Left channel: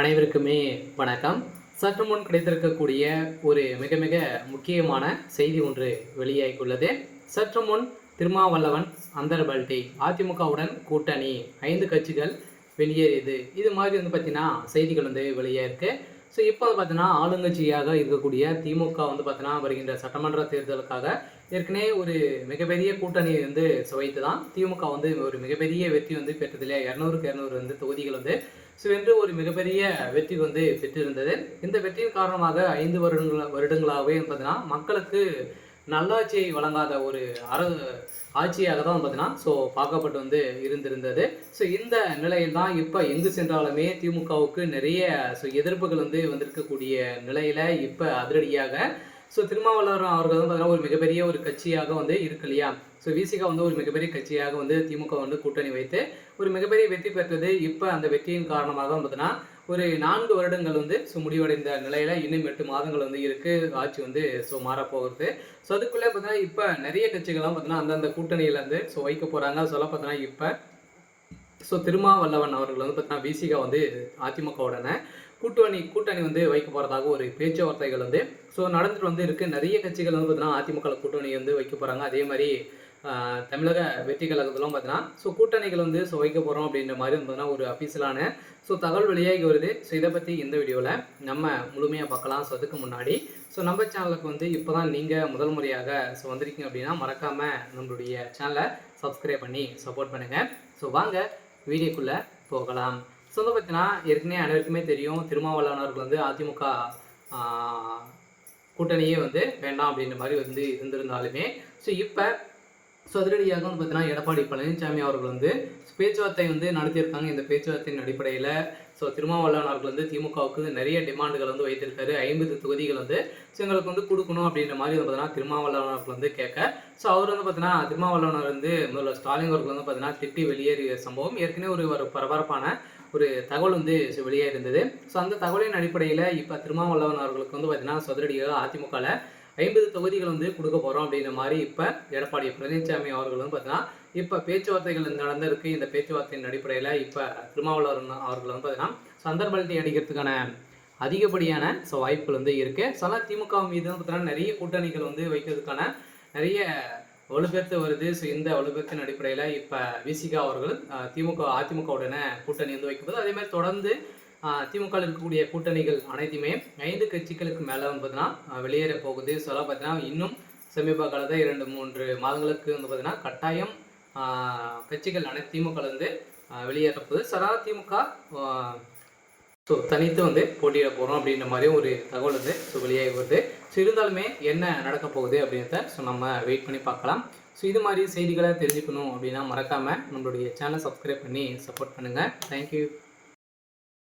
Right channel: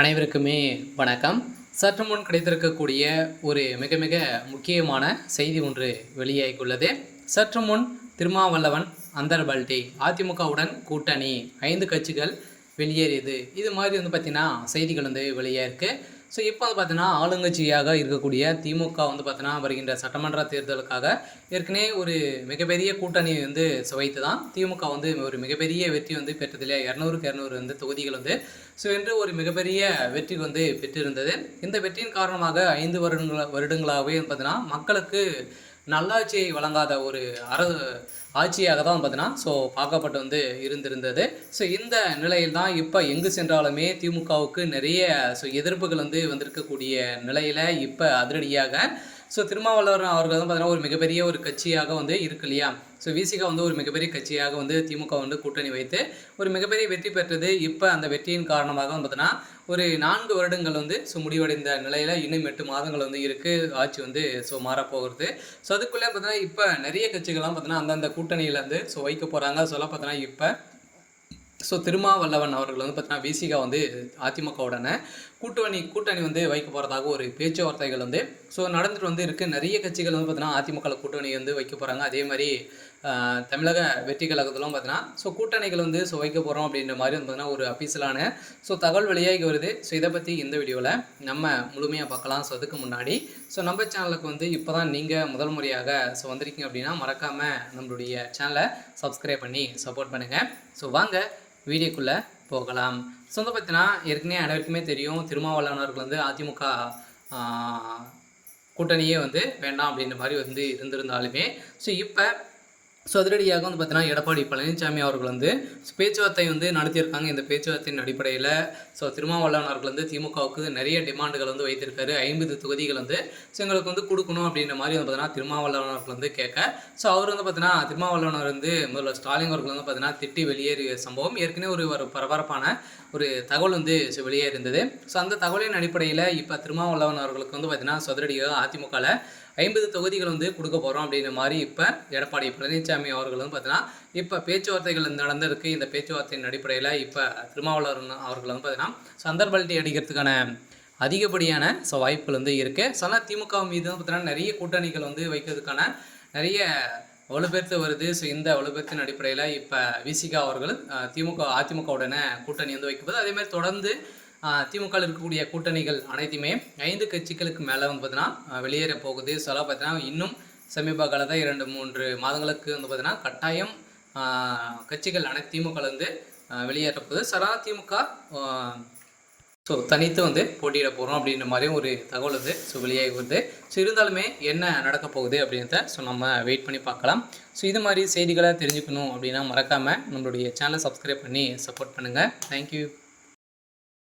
அனைவருக்குமே வணக்கம். சற்று முன் கிடைத்திருக்கக்கூடிய ஒரு மிக மிக முக்கியமான செய்தி ஒன்று வெளியாகியுள்ளது. சற்று முன் திருமாவளவன் அந்தர்பல்டி அதிமுகவுடன் கூட்டணி 5 கட்சிகள் வெளியேறியது. இது மாதிரி பார்த்தீங்கன்னா செய்திகள் வெளியாயிருக்கு. ஸோ இப்போ பார்த்தீங்கன்னா ஆளுங்கட்சியாக இருக்கக்கூடிய திமுக பார்த்தீங்கன்னா வருகின்ற சட்டமன்ற தேர்தலுக்காக ஏற்கனவே ஒரு மிகப்பெரிய கூட்டணியை சுவைத்து தான் திமுக ஒரு மிகப்பெரிய வெற்றி பெற்றதில்லை. 200க்கு 200 தொகுதிகள் ஸோ என்று ஒரு மிகப்பெரிய வெற்றி பெற்றிருந்தது. இந்த வெற்றியின் காரணமாக 5 வருடங்களாகவே பார்த்தீங்கன்னா மக்களுக்கு நல்லாட்சியை வழங்காத ஒரு ஆட்சியாக தான் பார்த்தீங்கன்னா ஸோ பார்க்கப்பட்டு இருந்திருந்தது. ஸோ இந்த நிலையில் தான் இப்போ எங்கு சென்றாலுமே திமுகவுக்கு நிறைய எதிர்ப்புகள் வந்திருக்கக்கூடிய நிலையில் இப்போ அதிரடியாக ஸோ திருமாவளவன் அவர்கள் பார்த்தீங்கன்னா ஒரு மிகப்பெரிய ஒரு கட்சியாக இருக்கு இல்லையா. ஸோ விசிகா ஒரு மிகப்பெரிய கட்சியாக திமுக கூட்டணி வைத்து ஒரு மிகப்பெரிய வெற்றி பெற்றது. இப்போ அந்த வெற்றியின் காரணமாக பார்த்தீங்கன்னா ஒரு 4 வருடங்கள் ஸோ முடிவடைந்த நிலையில் இன்னும் 8 மாதங்கள் இருக்குது ஆட்சி ஸோ மாறப்போகிறது. ஸோ அதுக்குள்ளே பார்த்தீங்கன்னா இப்போ நிறைய கட்சிகள்லாம் பார்த்தீங்கன்னா அந்தந்த கூட்டணியிலேருந்து ஸோ வைக்க போகிறாங்க. சொல்ல பார்த்தீங்கன்னா இப்போ ஸோ திருமாவளவன் அவர்கள் பார்த்தீங்கன்னா விசிகா அதிமுகவுடனே கூட்டணி வைக்க போகிறதாக ஒரு பேச்சுவார்த்தைகள் ஸோ நடந்துட்டு இருக்குது. நிறைய கட்சிகள் பார்த்தீங்கன்னா அதிமுக கூட்டணி வைக்க போகிறாங்க. அதே மாதிரி தமிழக வெற்றி கழகத்திலும் பார்த்தீங்கன்னா ஸோ கூட்டணிகள் ஸோ வைக்க போகிறோம் அப்படின்ற மாதிரி பார்த்தீங்கன்னா ஒரு அஃபீஷியலான ஸோ தகவல் வெளியாகி வருது. ஸோ இதை பற்றி இந்த வீடியோவில் நம்ம முழுமையாக பார்க்கலாம். ஸோ அதுக்கு முன்னாடி ஸோ நம்ம சேனலுக்கு இப்போ தான் நீங்கள் முதல் முறையாக ஸோ வந்திருக்கீங்க அப்படின்னா மறக்காமல் நம்மளுடைய சேனலை சப்ஸ்கிரைப் பண்ணி சப்போர்ட் பண்ணுங்கள். ஸோ வாங்க வீடியோக்குள்ளே போகலாம். ஸோ பார்த்தீங்கன்னா ஏற்கனவே அனைவருக்குமே தெரியும் திருமாவளவன் அவர்கள் அதிமுக கூட்டணியே வேண்டாம் அப்படின்ற மாதிரி இருந்திருந்தாலுமே ஸோ இப்போ ஸோ அதிரடியாக பார்த்தீங்கன்னா எடப்பாடி பழனிசாமி அவர்கள் பேச்சுவார்த்தை நடத்தியிருக்காங்க. இந்த பேச்சுவார்த்தையின் அடிப்படையில் ஸோ திருமாவளவன் அவர்கள் திமுகவுக்கு நிறைய டிமாண்டுகள் வைத்திருக்காரு. 50 தொகுதிகள் ஸோ எங்களுக்கு கொடுக்கணும் அப்படின்ற மாதிரி பார்த்தீங்கன்னா திருமாவளவன் அவர்கள் கேட்க ஸோ அவர் பார்த்தீங்கன்னா திருமாவளவன் முதல்ல ஸ்டாலின் அவர்கள் பார்த்தீங்கன்னா திட்டி வெளியேறிய சம்பவம் ஏற்கனவே ஒரு பரபரப்பான ஒரு தகவல் ஸோ வெளியே இருந்தது. ஸோ அந்த தகவலின் அடிப்படையில் இப்போ திருமாவளவன் அவர்களுக்கு பார்த்தீங்கன்னா அதிரடியாக அதிமுகவில் 50 தொகுதிகள் கொடுக்க போகிறோம் அப்படின்ற மாதிரி இப்போ எடப்பாடி பழனிசாமி அவர்கள் பார்த்தீங்கன்னா இப்போ பேச்சுவார்த்தைகள் நடந்திருக்கு. இந்த பேச்சுவார்த்தையின் அடிப்படையில் இப்போ திருமாவளவன் அவர்கள் பார்த்தீங்கன்னா சந்தர்பல்டி அடிக்கிறதுக்கான அதிகப்படியான ஸோ வாய்ப்புகள் இருக்குது. சில திமுக மீது பார்த்தீங்கன்னா நிறைய கூட்டணிகள் வைக்கிறதுக்கான நிறைய வலுப்பெற்று வருது. ஸோ இந்த வலுப்பெற்றின் அடிப்படையில் இப்போ விசிகா அவர்கள் அதிமுகவுடனே கூட்டணி வைக்கும்போது அதேமாதிரி தொடர்ந்து திமுக இருக்கக்கூடிய கூட்டணிகள் அனைத்துமே 5 கட்சிகளுக்கு மேலே பார்த்தீங்கன்னா வெளியேற போகுது. சொல்ல பார்த்தீங்கன்னா இன்னும் சமீப காலத்தில் 2-3 மாதங்களுக்கு பார்த்தீங்கன்னா கட்டாயம் கட்சிகள் அனைத்து திமுக வெளியேற போகுது. சரா திமுக ஸோ தனித்து போட்டியிட போகிறோம் அப்படின்ற மாதிரியும் ஒரு தகவல் ஸோ வெளியாகி வருது. ஸோ இருந்தாலுமே என்ன நடக்க போகுது அப்படின்றத ஸோ நம்ம வெயிட் பண்ணி பார்க்கலாம். ஸோ இது மாதிரி செய்திகளை தெரிஞ்சுக்கணும் அப்படின்னா மறக்காமல் நம்மளுடைய சேனலை சப்ஸ்கிரைப் பண்ணி சப்போர்ட் பண்ணுங்கள். தேங்க்யூ.